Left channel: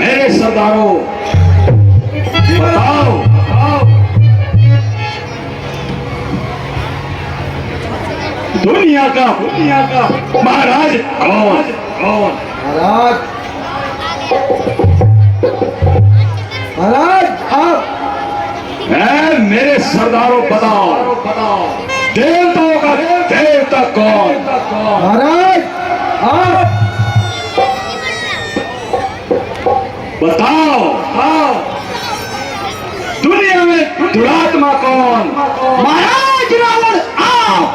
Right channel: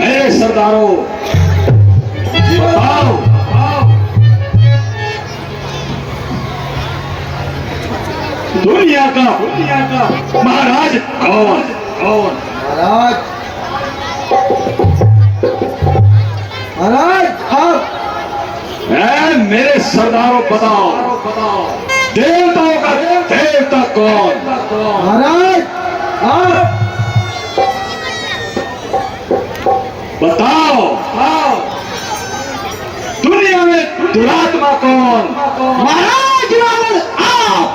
मेरे सरदारों, बताओ दुनिया का महाराज कौन? महाराज, महाराज आप मेरे सरदारों बताओ देवताओं का देवता कौन? महाराज आप बताओ दुनिया में दुरात्मा कौन? महाराज रावण आप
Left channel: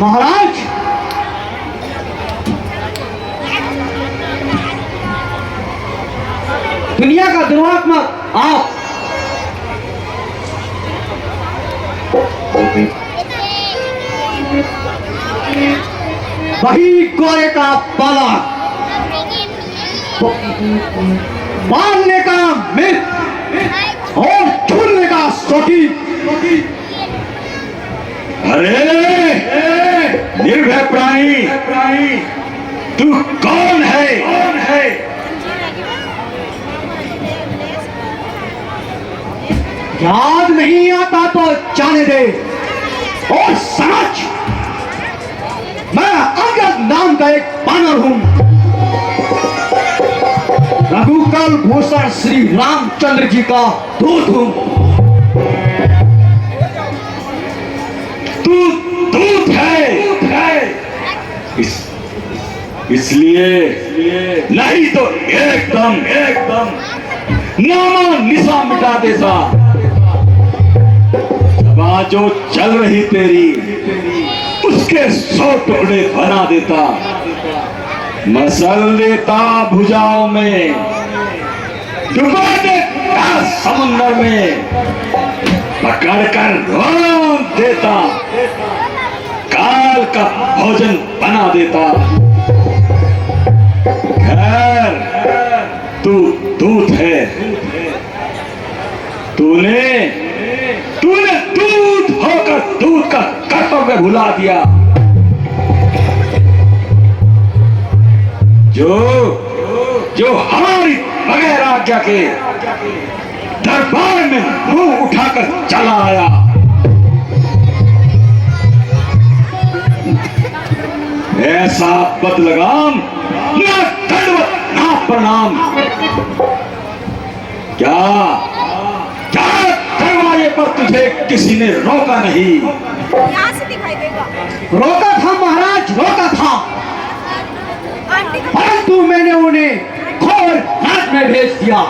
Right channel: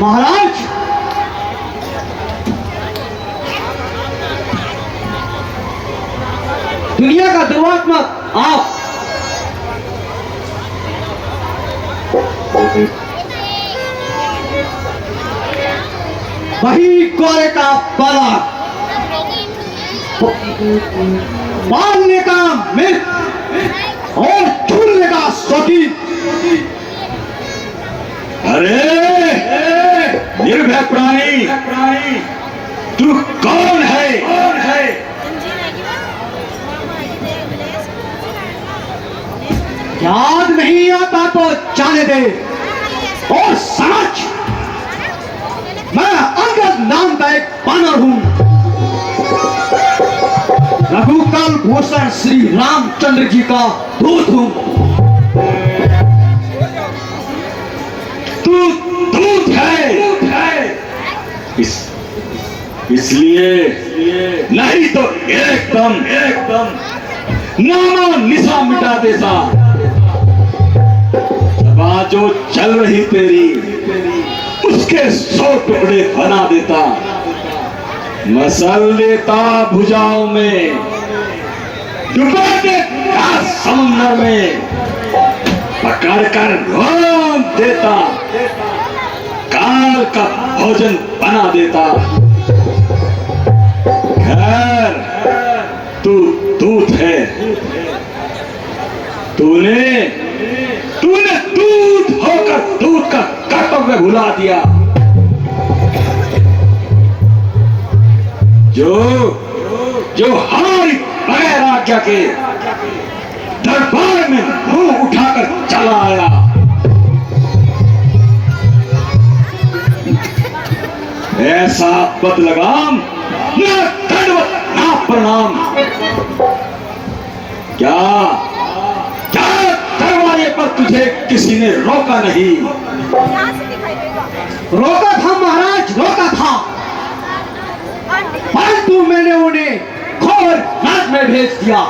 महाराज दुनिया का दुरात्मा आप वही गोरे का पाला मारने का मित्र और ढूंढने का सोटी। अरे निर्भय प्राणी, तू कौन है? याद नहीं आता तो जाने दे। और समझ, मैं अंगद नाम का एक बानर हूं। रघुकुल भूषण श्री रामचंद्र जी का दूत हूं। तू दूत है इसलिए नहीं तो एकदम नामा निशा मिटा देता। सभा जो चल रही तेरी उसके 100 टुकड़े बना देता। मसल देता भुजाओं में, डुबा देता समुद्र में, पकड़ कर रोक देता, काल का भोजन बना देता। खैर तू दूत है, तूने दूत होकर दूत का कर्तव्य भुला दिया। जो हमारी बगैर आज्ञा के दरबार में मुंह उठाकर चला आया। ऐसा बदलगाम ना दंडवत ना प्रणाम। क्या दरवाजे पर तुझे किसी ने रोका नहीं? यहाँ से दिखाई देगा। रोका था महाराज, रोका था, परंतु मैंने उन्हें खबर रात में भेज दिया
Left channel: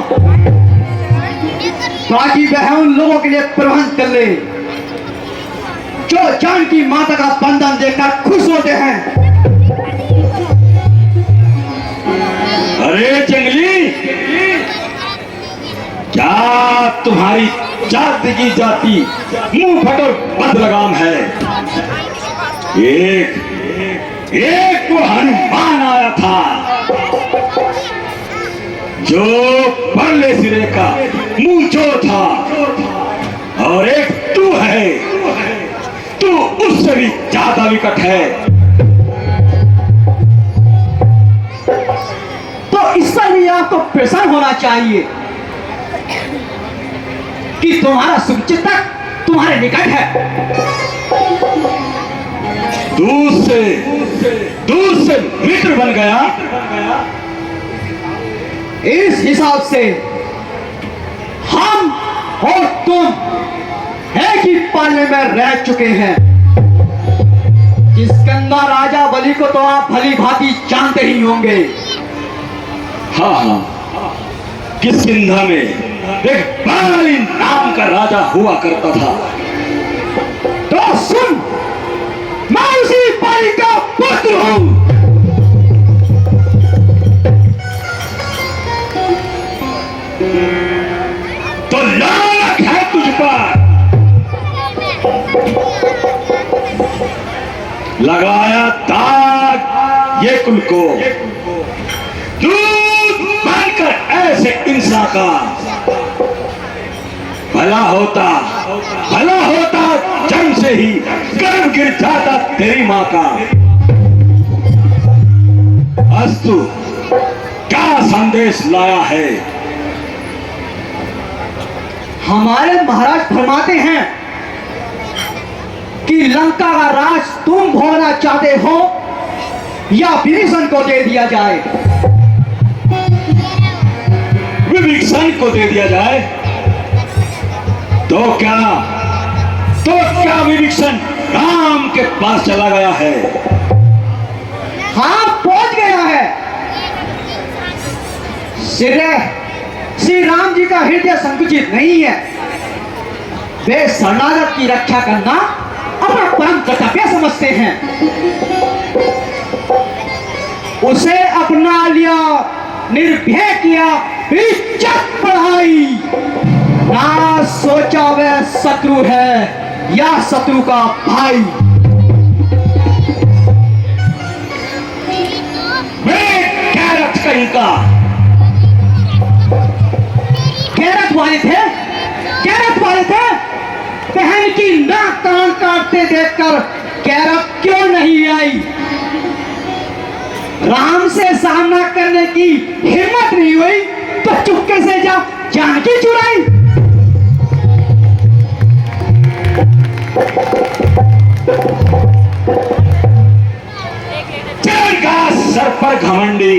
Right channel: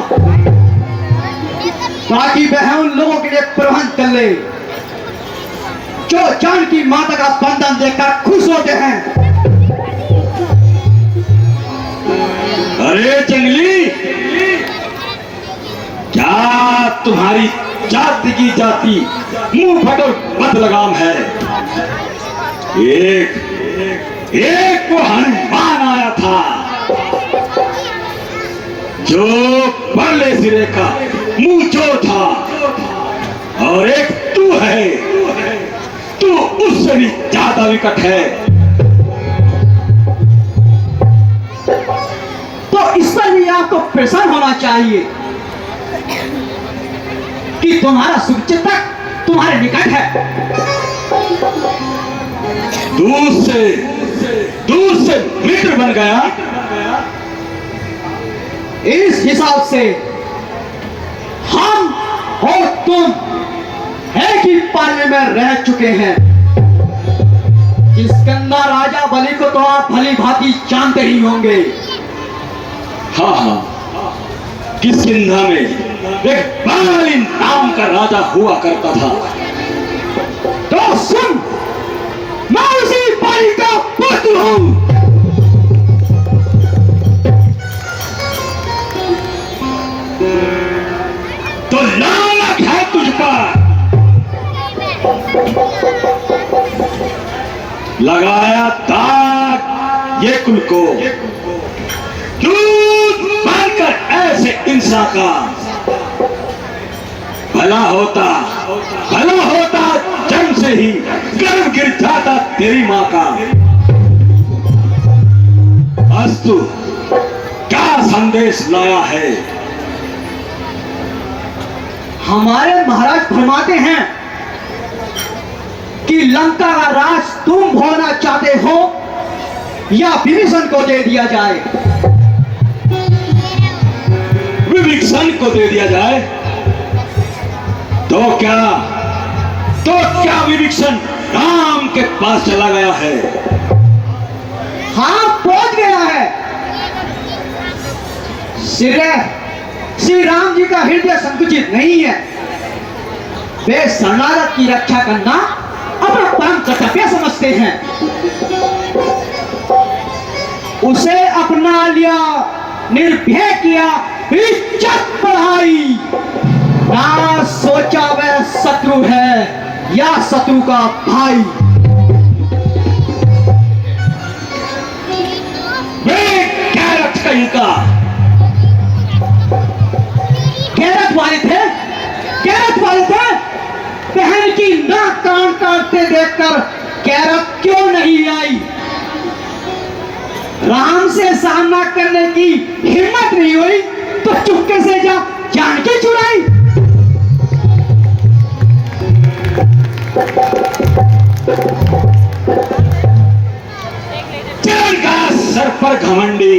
ताकि वह उन लोगों के लिए प्रबंध कर ले जो जानकी माता का बंधन देखकर खुश होते हैं। अरे जंगली, क्या तुम्हारी जाति की जाति मुंह फटो बदलगाम है? एक वो हनुमान आया था जो परले सिरे का मुंह जो था, और एक तू है, तू उससे भी ज्यादा विकट है। तो इससे भी आपको प्रसन्न होना चाहिए कि तुम्हारा शुभचिंतक तुम्हारे निकट है। दूर से मित्र बन गया। इस हिसाब से हम और तुम एक ही पाले में रह चुके हैं। इस गंगा राजा बलि को तो आप भली भांति जानते ही होंगे। हाँ, किष्किंधा में एक बाली नाम का राजा हुआ करता था। तो सुन, मैं उसी बाली का पुत्र हूं। तो नाम है तुझ पर, लगाया दाग ये कुल को, दूध मारकर ऐसे इंसान का भला होता जन्म से ही गर्भ गिर जाता तेरी माँ का। अस्तु क्या संदेश लाया है? हमारे महाराज फरमाते हैं कि लंका का राज तुम भोगना चाहते हो या विभीषण को दे दिया जाए। विभीषण को दे दिया जाए तो क्या विभीषण राम के पास चला गया है? हाँ, पहुंच गया है। श्री राम जी का हृदय संकुचित नहीं है। वे शरणागत की रक्षा करना अपना परम कर्तव्य समझते हैं। उसे अपना लिया, निर्भय किया, इज्जत बढ़ाई, ना सोचा वह शत्रु है या शत्रु का भाई। वे गैरत कहीं का गैरत वाले थे। बहन की नाक कान काटते देखकर गैरत क्यों नहीं आई? राम से सामना करने की हिम्मत नहीं हुई तो चुपके से जानकी चुराई। का सर पर घमंडी,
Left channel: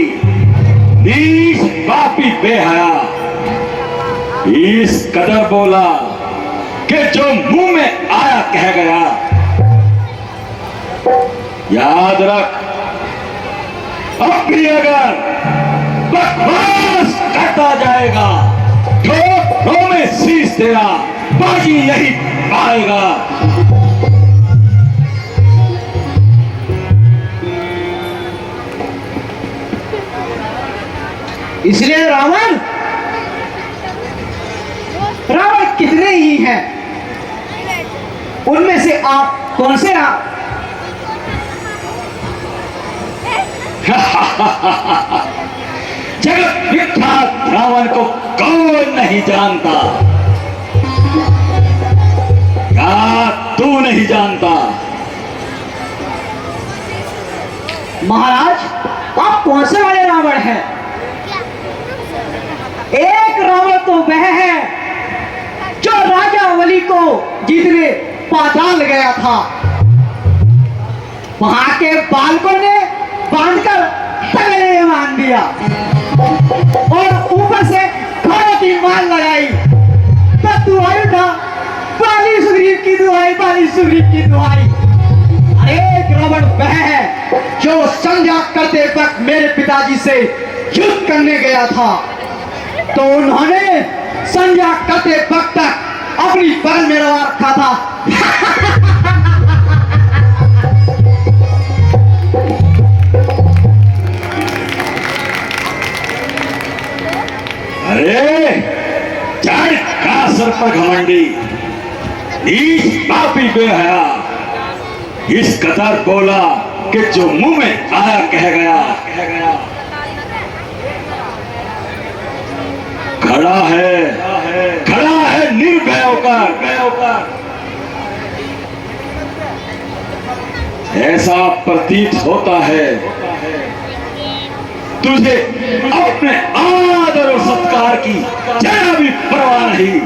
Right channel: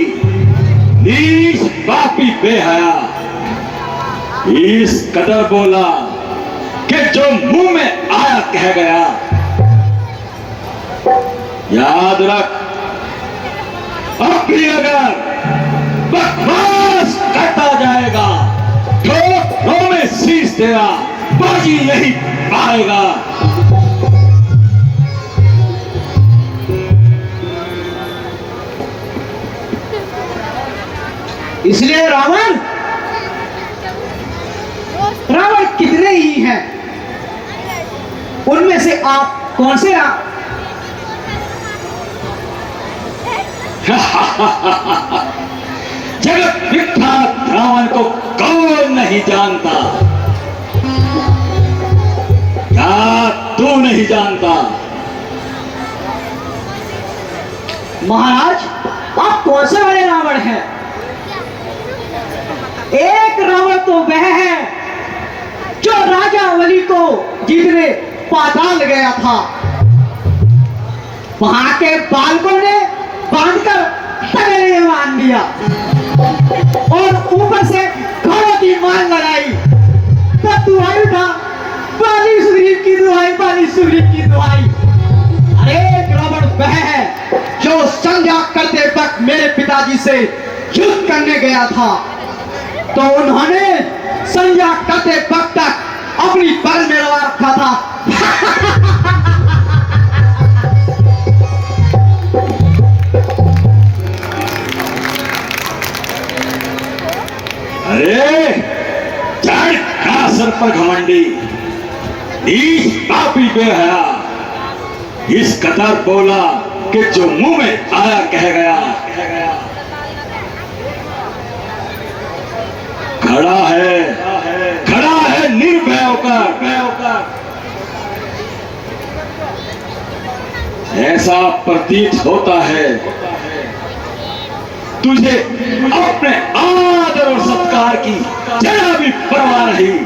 नीच पापी बेहया, इस कदर बोला कि जो मुंह में आया कह गया। याद रख, अब भी अगर बकवास करता जाएगा तो में शीश तेरा बाजी नहीं पाएगा। इसलिए रावण कितने ही हैं, उनमें से आप कौन से जगत विख्यात रावण को कौन नहीं जानता? क्या तू नहीं जानता? महाराज, आप कौन से वाले रावण हैं? एक रावण तो वह है जो राजा बलि को जीतने पाताल गया था। वहां के बालकों ने बांधकर तगड़े में बांध दिया और ऊपर से खाना की मार लगाई। तो दुहाई उठा, बाली सुग्रीव की दुहाई, बाली सुग्रीव की दुहाई। एक रावण वह है जो संध्या करते वक्त मेरे पिताजी से युद्ध करने गया था, तो उन्होंने संध्या करते वक्त तक अपनी बगल में रवा रखा था। अरे चार का सर पर घमंडी, इस पापी बेहया, इस कदर बोला कि जो मुंह में आया कह गया। खड़ा है निर्भय होकर। ऐसा प्रतीत होता है तुझे अपने आदर और सत्कार की जरा भी परवाह नहीं।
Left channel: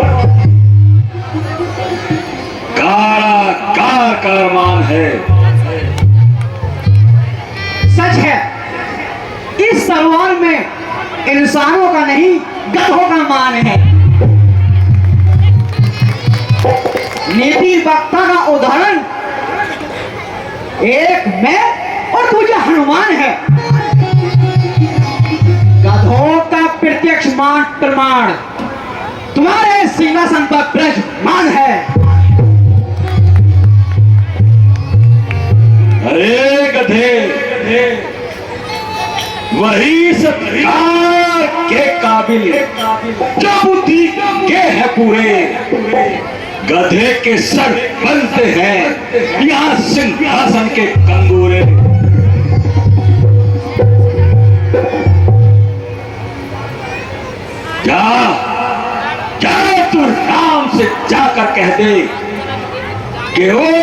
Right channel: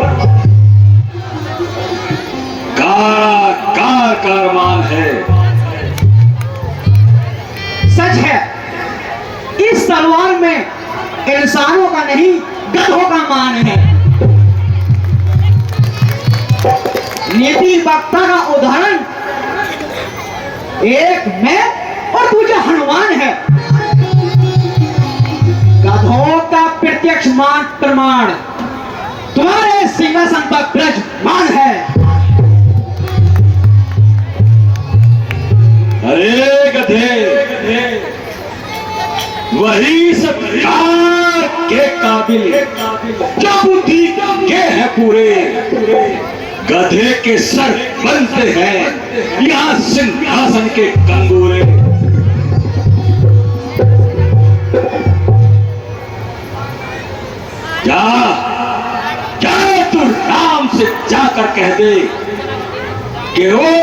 कार कारमान है। सच है, इस तलवार में इंसानों का नहीं गधों का मान है। नीति वक्ता का उदाहरण एक मैं और दूसरा हनुमान है। गधों का प्रत्यक्ष मान प्रमाण तुम्हारे सिंहासन पर विराजमान है। अरे गधे, वही सत्कार के काबिल जो बुद्धि के है पूरे। गधे के सर बनते हैं यहाँ सिंहासन के कंगूरे। जा जा तू राम से जाकर कह दे कि वो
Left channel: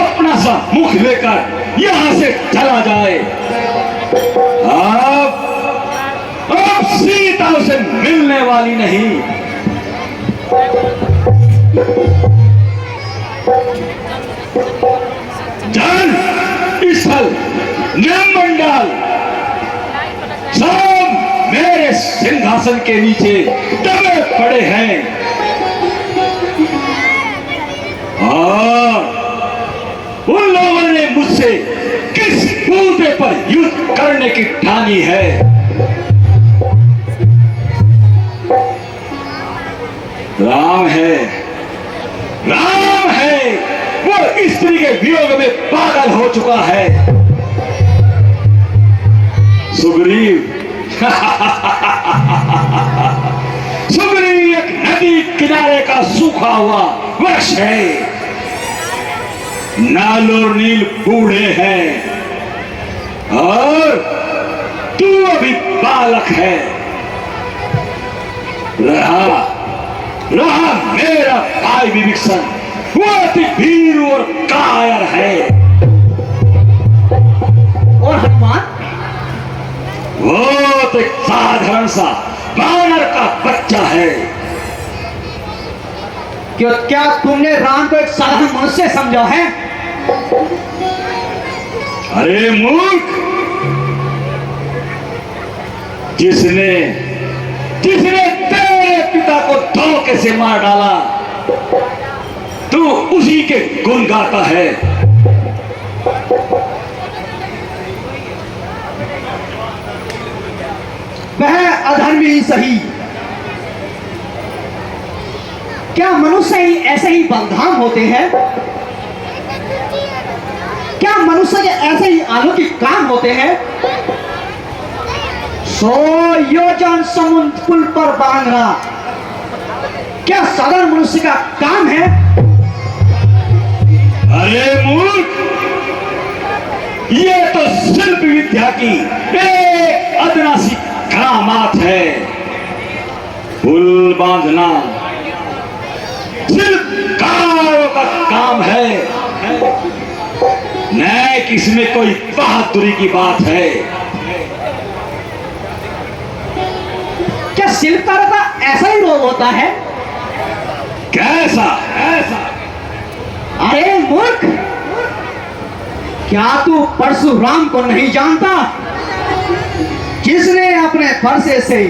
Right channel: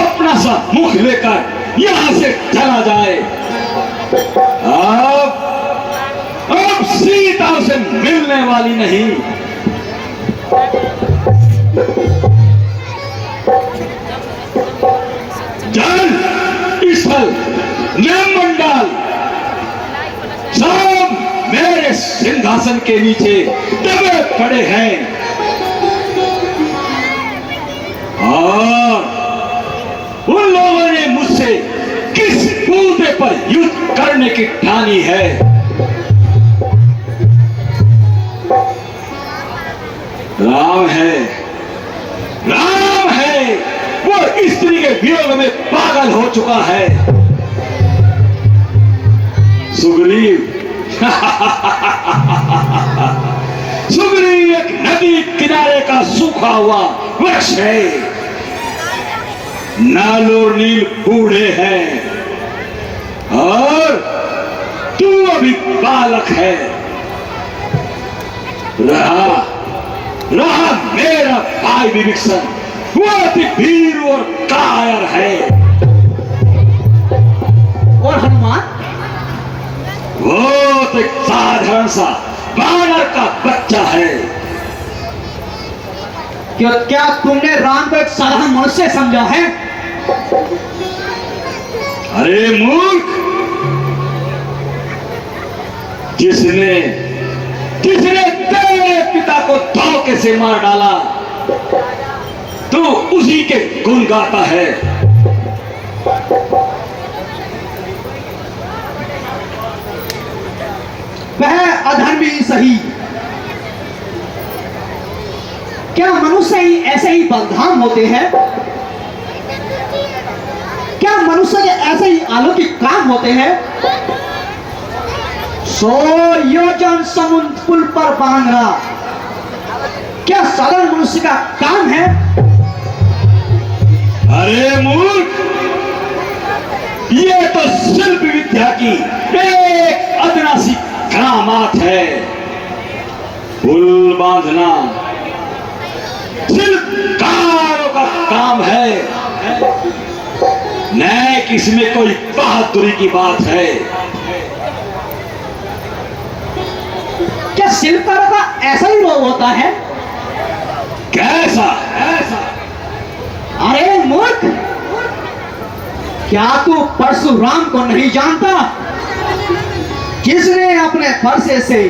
अपना सा मुख लेकर यहां से चला जाए। अब सीता उसे मिलने वाली नहीं। जल स्थल निमंडल सब मेरे सिंहासन के नीचे दबे पड़े हैं और उन लोगों ने मुझसे किस मुद्दे पर युद्ध करने की ठानी है। राम है, राम है, वो स्त्री के वियोग में पागल हो चुका है। सुग्रीव सुग्रीव एक नदी किनारे का सूखा हुआ वृक्ष है। नल और नील बूढ़े हैं और तू अभी बालक है। रहा मेरा भाई विभीषण, वो अति वीर और कायर है। और हनुमान? वो तो एक साधारण सा बानर का बच्चा है। क्या तुमने राम को एक साधारण मनुष्य समझा है? अरे मूर्ख, जिसने तेरे पिता को धोखे से मार डाला तू उसी के गुण गाता है। वह अधर्मी सही, क्या मनुष्य ही ऐसे ही बलधाम होते हैं? क्या मनुष्य ऐसे ही अलौकिक काम होते हैं? 100 योजन समुद्र पुल पर बांधना क्या साधारण मनुष्य का काम है? अरे मूर्ख, ये तो शिल्प विद्या की एक अदना सी करामात है। पुल बांधना शिल्पकारों का काम है, न कि इसमें कोई बहादुरी की बात है। क्या शिल्पकारों का ऐसा ही रोग होता है? कैसा ऐसा? अरे मूर्ख, क्या तू परशुराम को नहीं जानता, जिसने अपने फरसे से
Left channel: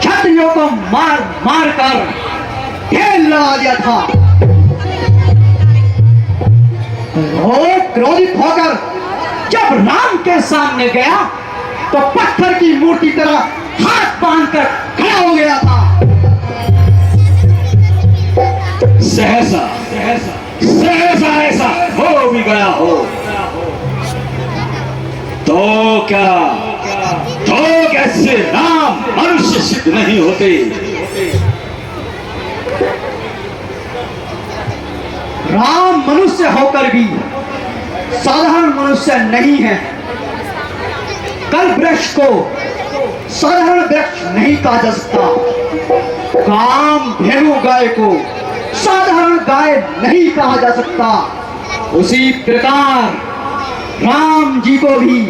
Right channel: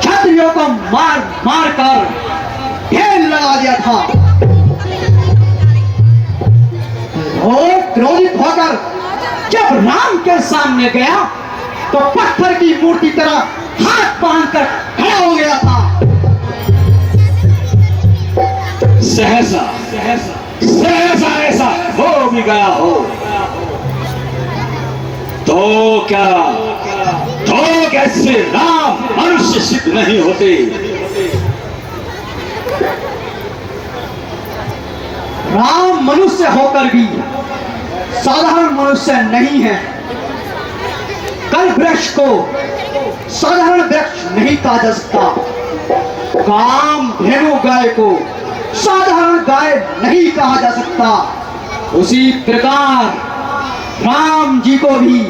क्षत्रियों को मार मार कर ढेर लगा दिया था? वो क्रोधित होकर जब राम के सामने गया तो पत्थर की मूर्ति तरह हाथ बांधकर खड़ा हो गया था। सहसा ऐसा हो भी गया हो तो क्या कैसे राम मनुष्य सिद्ध नहीं होते? राम मनुष्य होकर भी साधारण मनुष्य नहीं है। कल वृक्ष को साधारण वृक्ष नहीं कहा जा सकता, काम धेनु गाय को साधारण गाय नहीं कहा जा सकता। उसी प्रकार राम जी को भी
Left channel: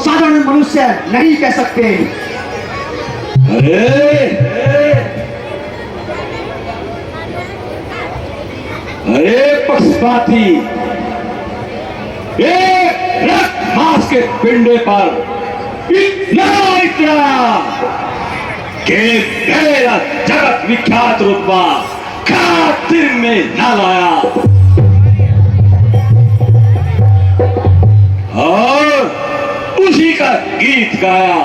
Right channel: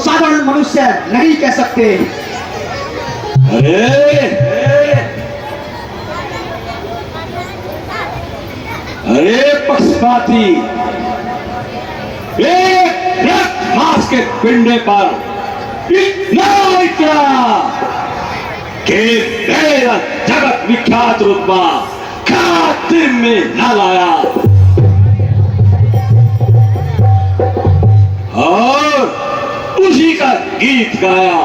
साधारण मनुष्य नहीं कह सकते। अरे पक्षपाती, एक रक्त मांस के पिंडे पर इतना कि मेरा जगत विख्यात रुतबा खातिर में न लाया और उसी का गीत गाया।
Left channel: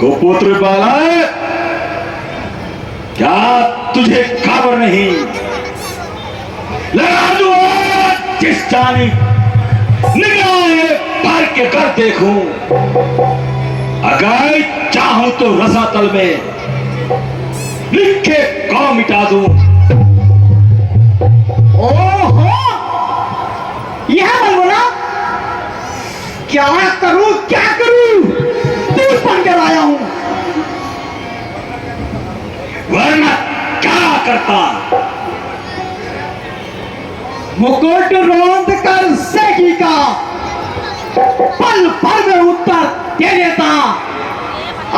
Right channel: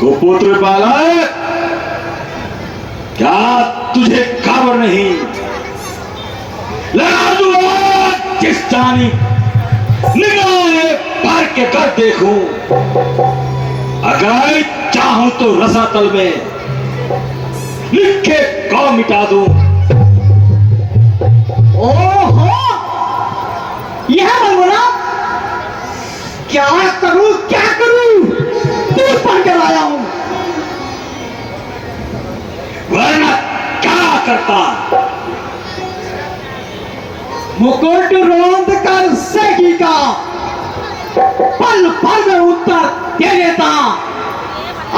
गोपुत्र बालक, क्या तुझे खबर नहीं? लगा दूंगा किस जानी निगाहें भर के कर देखूं, अगर चाहूं तो रसातल में लिख के कौ मिटा दूं। ओहो, यह बोलना क्या करूं दूध बन कर आया हूं। वरना क्या करता? मुकुट रोंद कर सेगी का पल भर में उत्तर दे देता।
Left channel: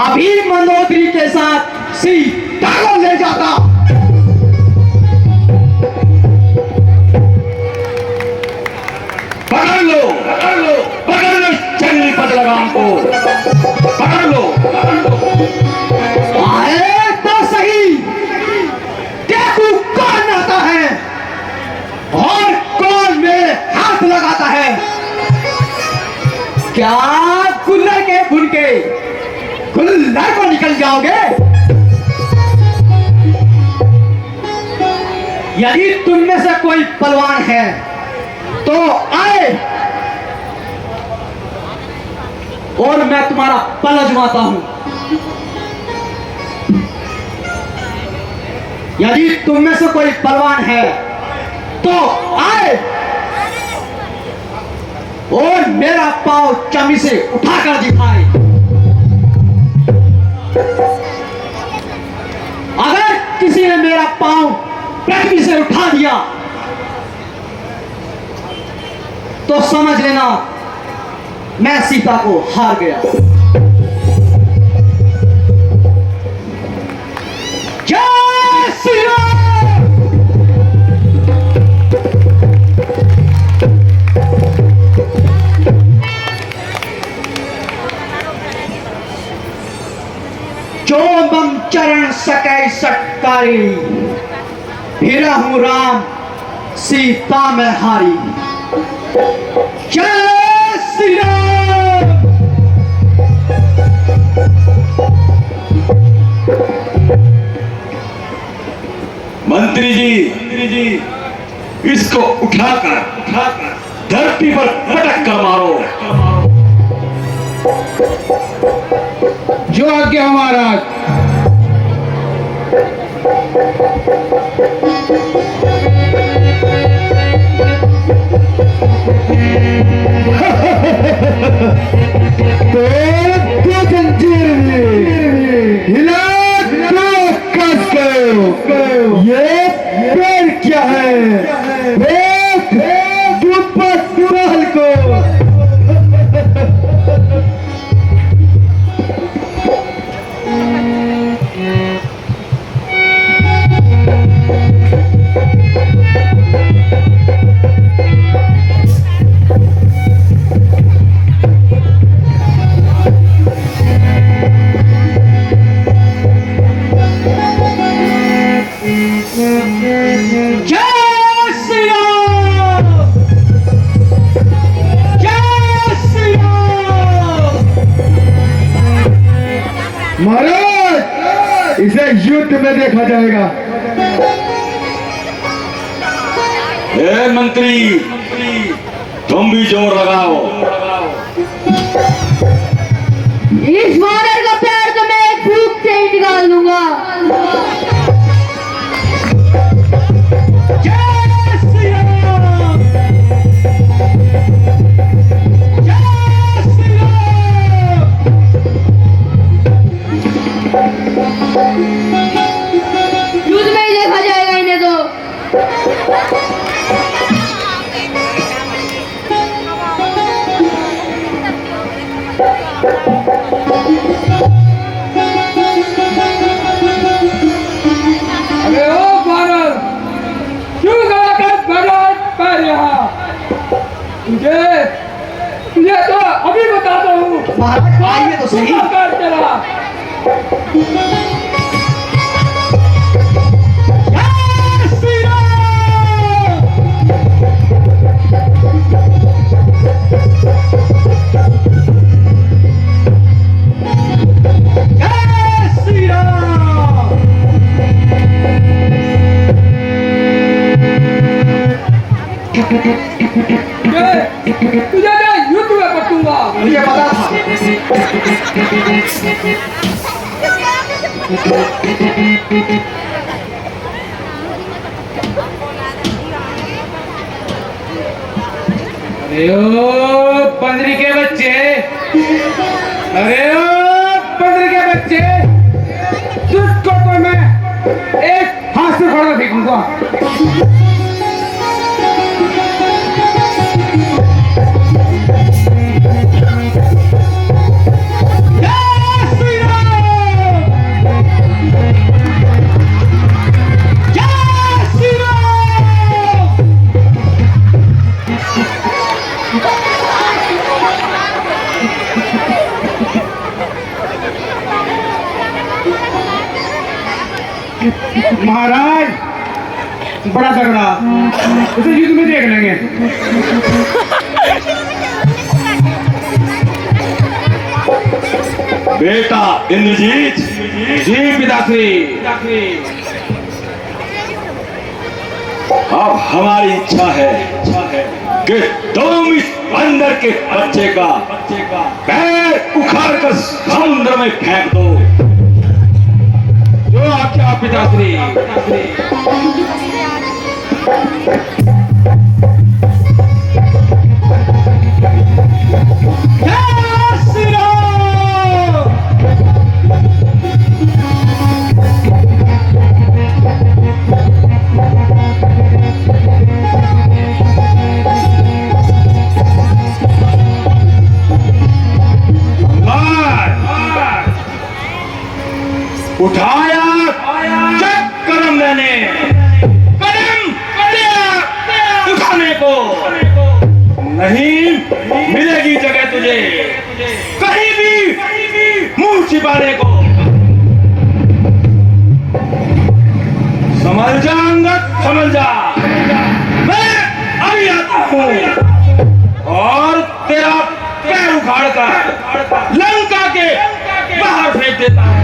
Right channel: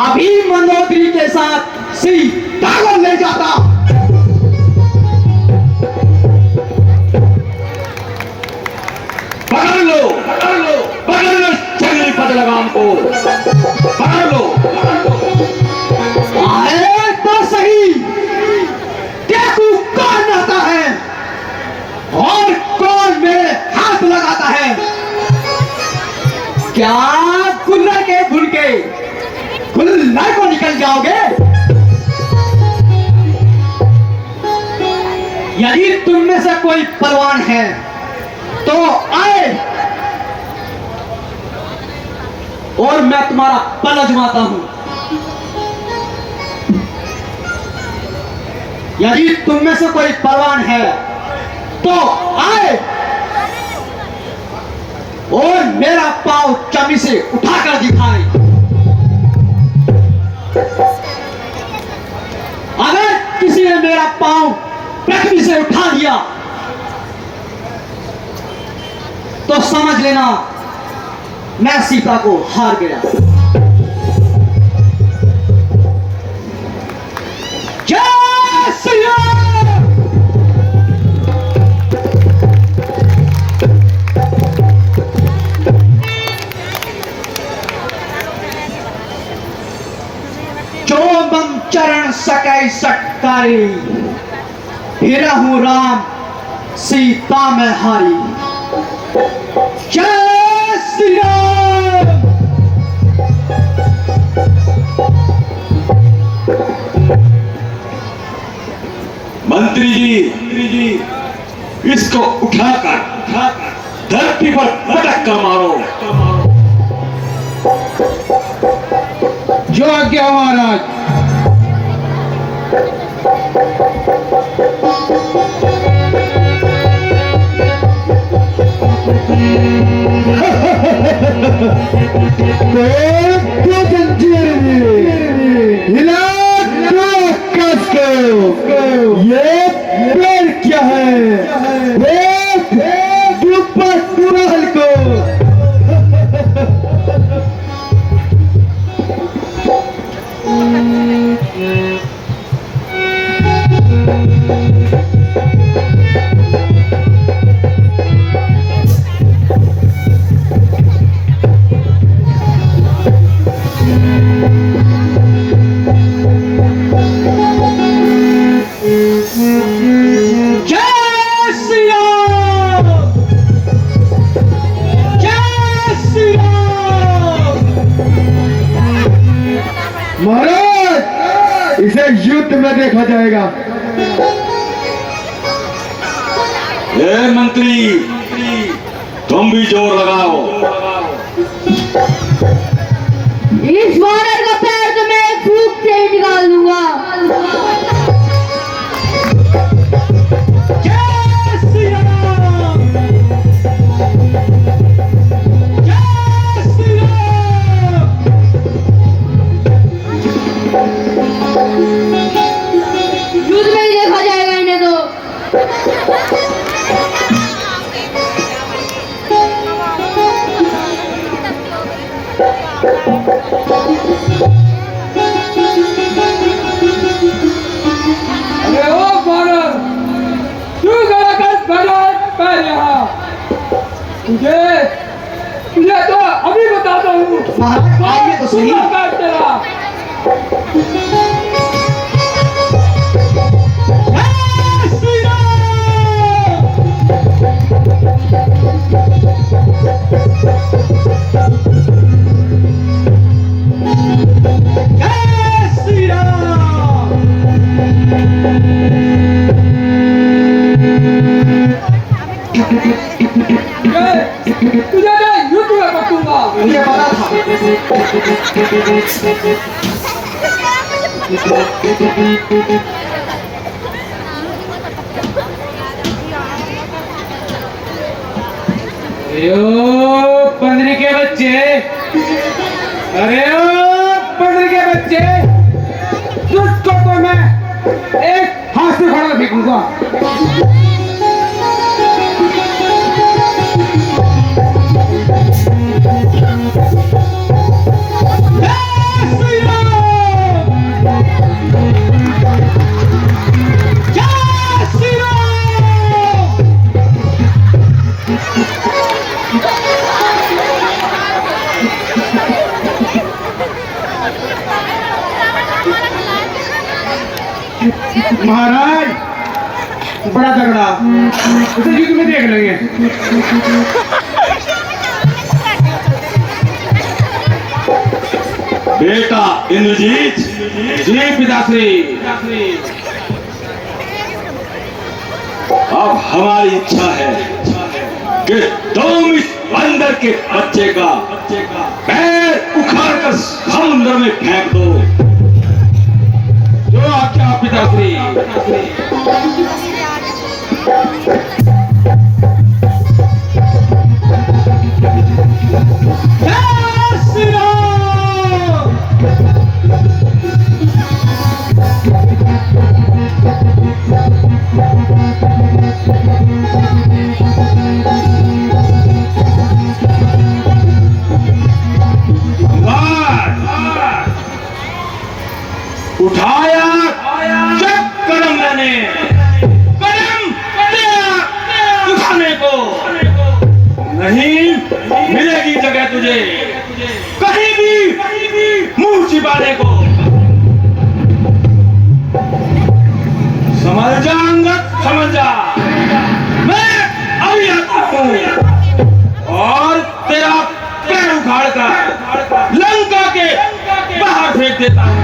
अभी मंदोदरी के साथ सीता ले जाता। पकड़ लो जंगली पद लगाम को, पकड़ लो। आए तो सही, देखो कौन रहता है और कौन मेरे हाथ लगाता है। क्या कुल्लर के भुन के कुल्लर को निकल जाओगे? यदि तुम में से कोई परवान है तो आए और मैं तुम्हारा पल अजमाता हूं। यदि तुम में से कोई परवान है तो आए और मेरा पांव चाबी से उठाकर दिखाए। अगर किसी ने मेरा पांव पृथ्वी से उठा दिया तो समझ लेना मैं सीता को हार गया। जय श्री राम। जो मम चरण सकै सटकारी, फिरा हूं राम सीता में हारी। जय श्री राम। मंत्री जी इसको उठाकर धरती पर पटक कर मारो। जो आज्ञा महाराज। हिला कस को। ये पैर क्या है? दुपहल को। महाराज इसे युद्ध में देखा जाएगा। ए मंत्री तुम भी जोर लगाओ। इस वानर का पैर तो मैं एक फूंक से ही निकाल दूंगा। जय श्री राम। जय श्री राम। युद्ध में ही देखा जाएगा इन्हें तो। अरे ओ वानर, क्यों खड़ा कर पैर यहाँ? तुझे तो अभी बताता हूँ। महाराज आइए तो सही। तुझे मैं युद्ध में बतूंगा। मुझे पता था। अरे ओ पंद्री के बच्चे, अरे ओ पंद्री के बच्चे, तुझको तो मैं एक हाथ से खड़ा फेंकूंगा। महाराज बड़ा तगड़ा, इसे युद्ध में देख लेंगे। बेटा इंद्रजीत, जी पिताश्री। अब हमारी इच्छा है कि तुम इस बंदर के बच्चे का पैर उखाड़ कर समुद्र में फेंक दो। जो आज्ञा पिताश्री। उठाया जब कदम मैंने, कदम तेरा उठाने को नहीं मिलेगी जगह तुझे कहीं भी मुंह छिपाने को। समझ जा अंगद, समझ जा, मैं अभी आता हूं और तेरा पैर उखाड़ कर लंका के बाहर फेंक देता हूं।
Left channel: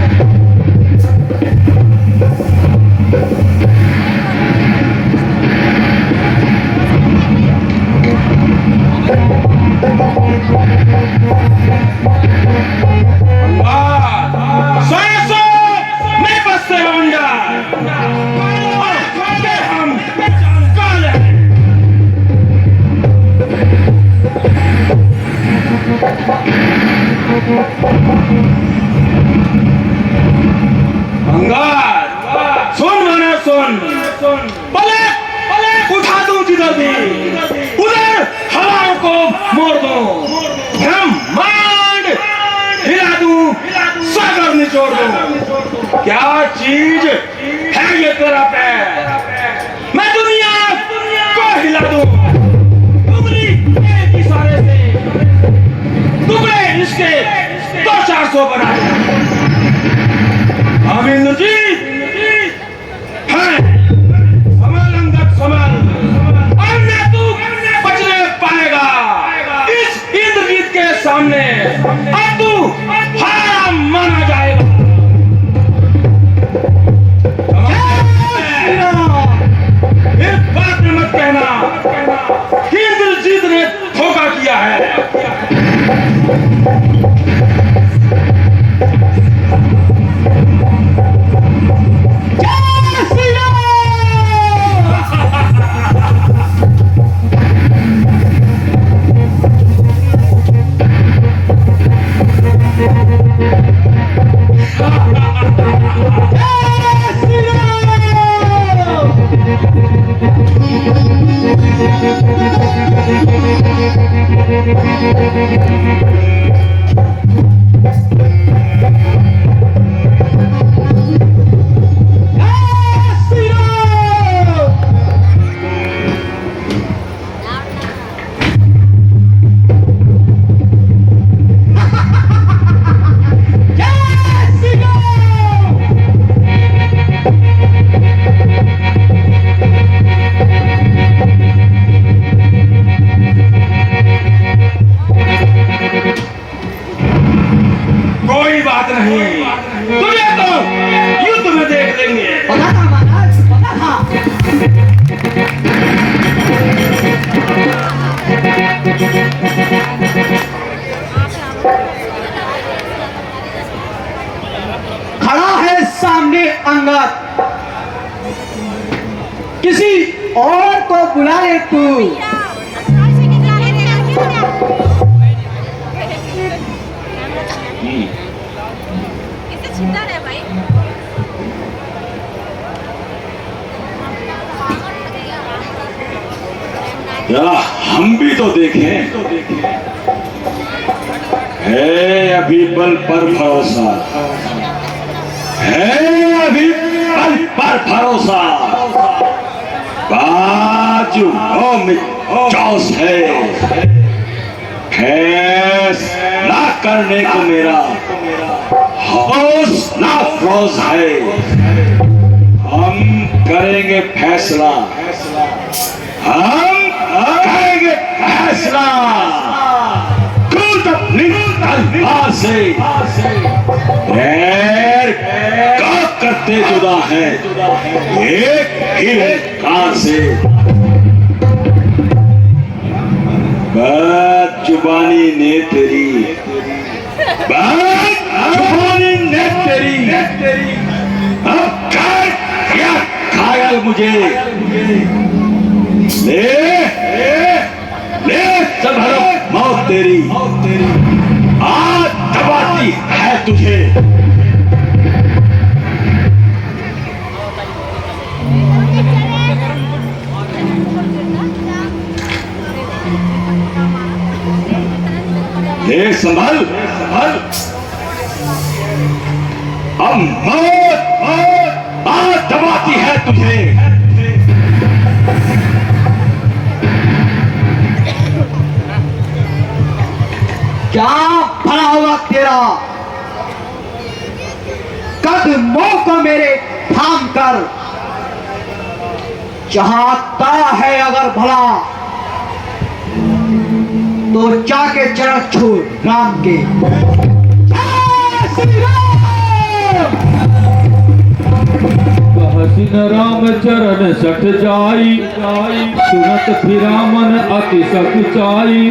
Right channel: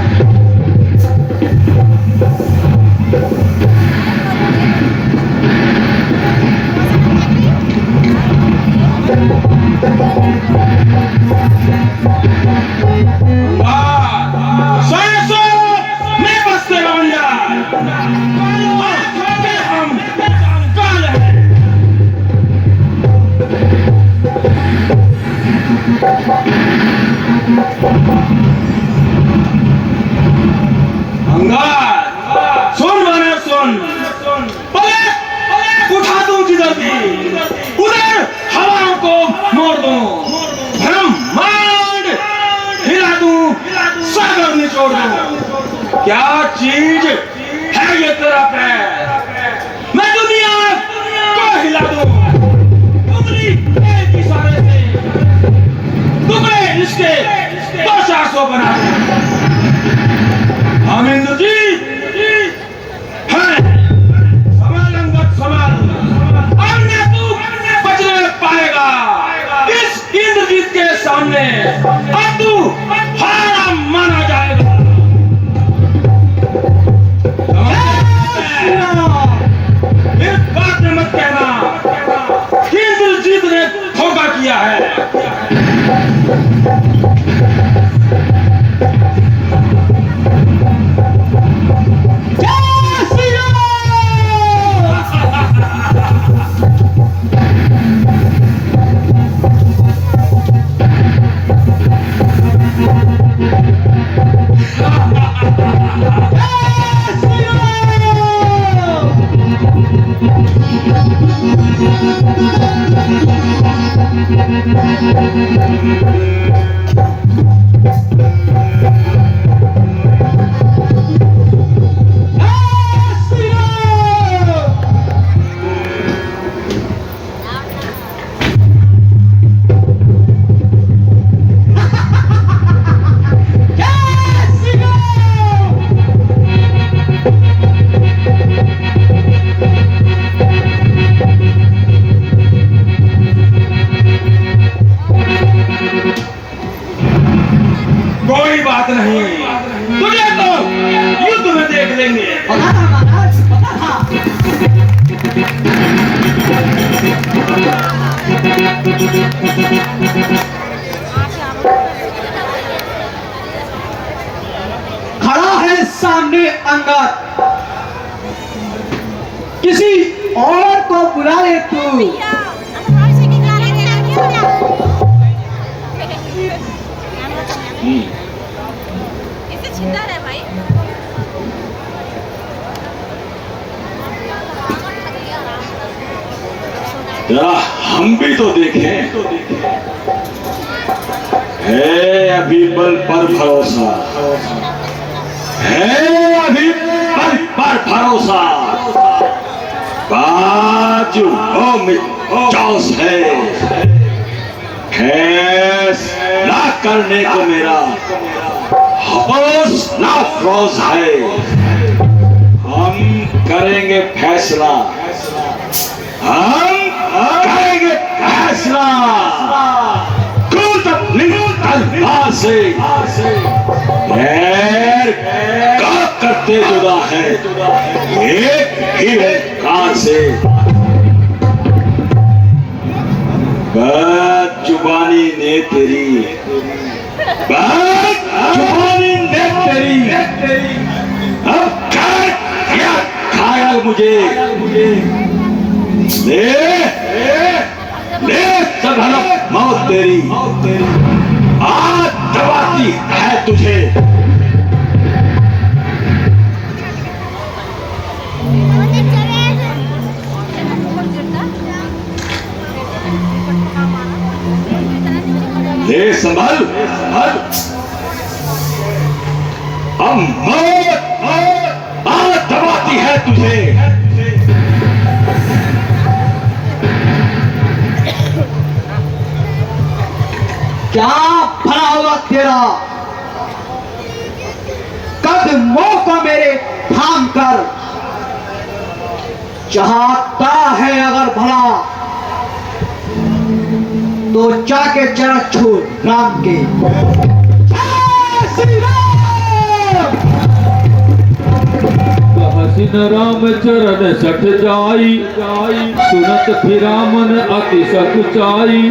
उठा दूं जिधर भी, उधर हवाओं को मोड़ दूं, ब्रह्मांड हिला दूं, सागर निचोड़ दूं। क्या चीज है ये तेरा पैर? मैं दुनिया को हिला दूं, उंगली एक इशारे से टुकड़े इसके 200-400 बना दूं। हम इंद्रजीत हैं, के सामने अब तू हारा माना जाएगा। इस बात में मत कहना कि इंद्रजीत ने धोखा किया है। कोई बात नहीं, तुझे तो युद्ध में देख लेंगे। खड़ा है सामने अंगद, किसी और को बुला ले तू। इसे छिंदा है भाई। जरा हम भी तो देखें। है अभी बल पर भरोसा, है अभी बल पर भरोसा। बाजू चौस है, फैसला करने को मेरा हौसला अफरोज है। हम करेंगे फैसला, हम करेंगे फैसला। कूद अपनी तलवार से, पैर का करते जुदा है एक ही ओंकार से। बदजुबानी ने तेरी, बदजुबानी ने तेरी अब घायल मुझे। ले ले संभलो मौत तेरी आज दबाती है तुझे। ले संभल संभल, अब मौत आज दबाती है तुझे। क्या भला हुआ तेरा कदमों को मेरे थाम कर। चाहता है अगर भला तो जाके चरण छू राम के। हसीन राम चरण सठ जाई, सुनत फिरामन अति सकुचाई।